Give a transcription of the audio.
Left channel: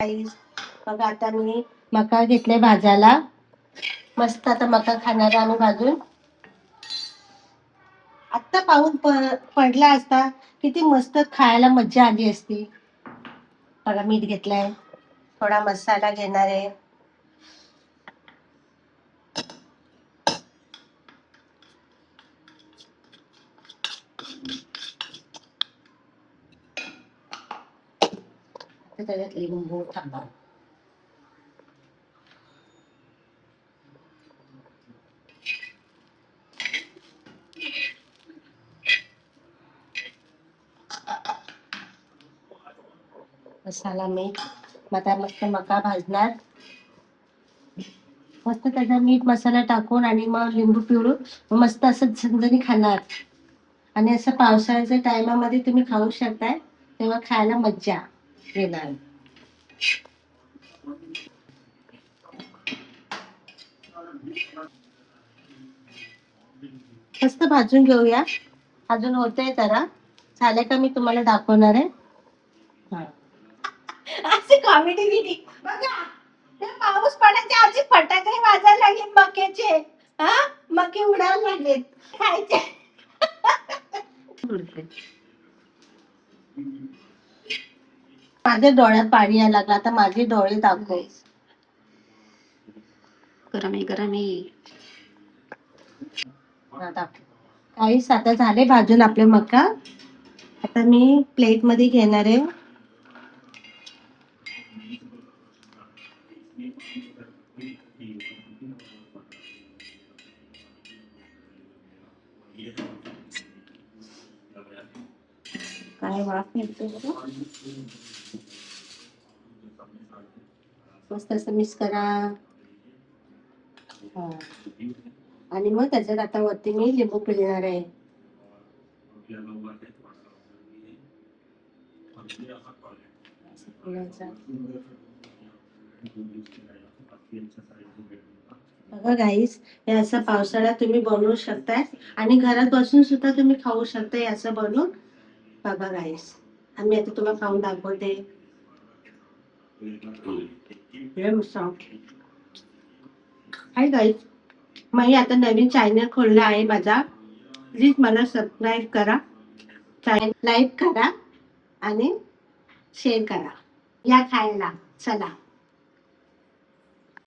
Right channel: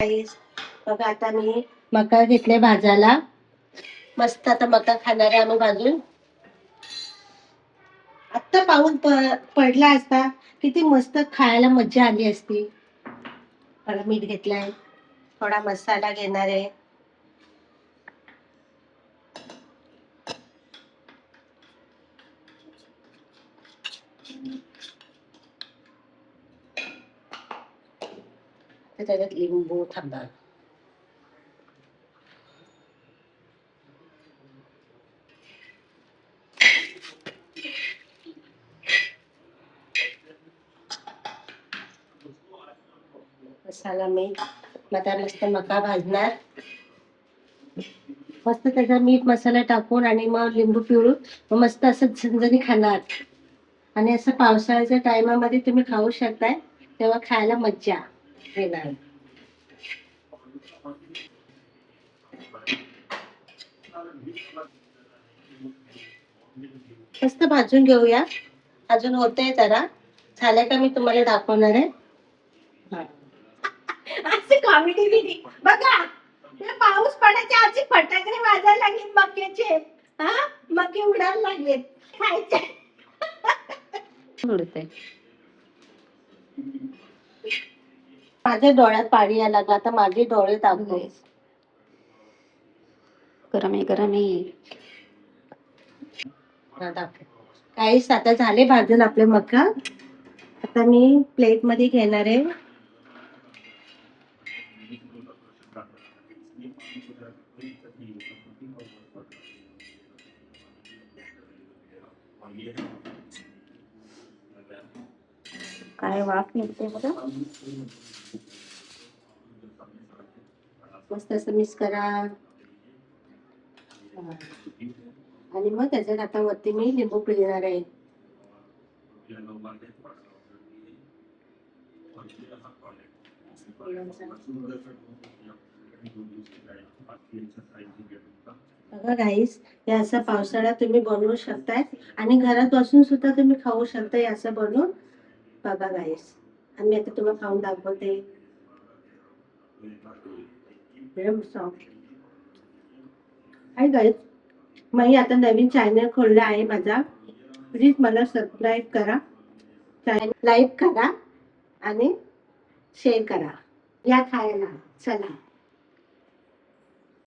गाईस बघा आता मी मका घेतले भाजायला. मस्त आता मका खाणार आहे आम्ही भाजून. आत्ता पाऊस पडला असता किती मस्त खायला मज्जा आली असती. थोडा मीठ घेतलाय, थोडा मसाला घेणार आहे. त्याच्यात लिंबू थांबा. मसाला मीठ आता मस्त मका भाजणार. मस्त त्याचा मीठ मसाला टाकून आणि मग लिंबू पिळून मस्त असं झणझणी खाणार. आणि असं पावसाळ्याच्या टायमामध्ये तुम्ही खाऊ शकताय, तेव्हा खायला मज्जा येणार. मस्त भाजून घेऊया. अजून होतंय जरा, झालं का मी तुम्हाला दाखवणार आहे. असे कॉमेडी बिडी बघा. ते पाऊस पडायच्या आधी फटाके वाजायला लागले मक्याचे. हा मके उडायला लागलेत खायचे. माझ्या डोळ्यात पाणी यायला लागलं. आता माझे डोळे दाखव. गरम आहे. काहीच आता झाले भाजून आपले मका. आता मी प्लेट मध्ये घेणार आहे. काय वाफ निघते बघा. मस्त असं मिक्स करा. आणि मग त्याच्यात आता वरती मी लिंबू पिळणार आहे. बघा गाईस, हे असं पावसाळ्यात तुम्ही बनवू शकताय आणि घरात बसून सुद्धा तुम्ही खाऊ शकताय असं बनवून. बघा गाईस, आम्ही आता तुम्हाला खाऊन दाखवते. हाय गाईस, मी आता नवीन चॅनल खोलला आहे माझा. प्लीज मला सबस्क्राईब करा, चॅनल लाईक करा आणि शेअर करा. या खायला चला.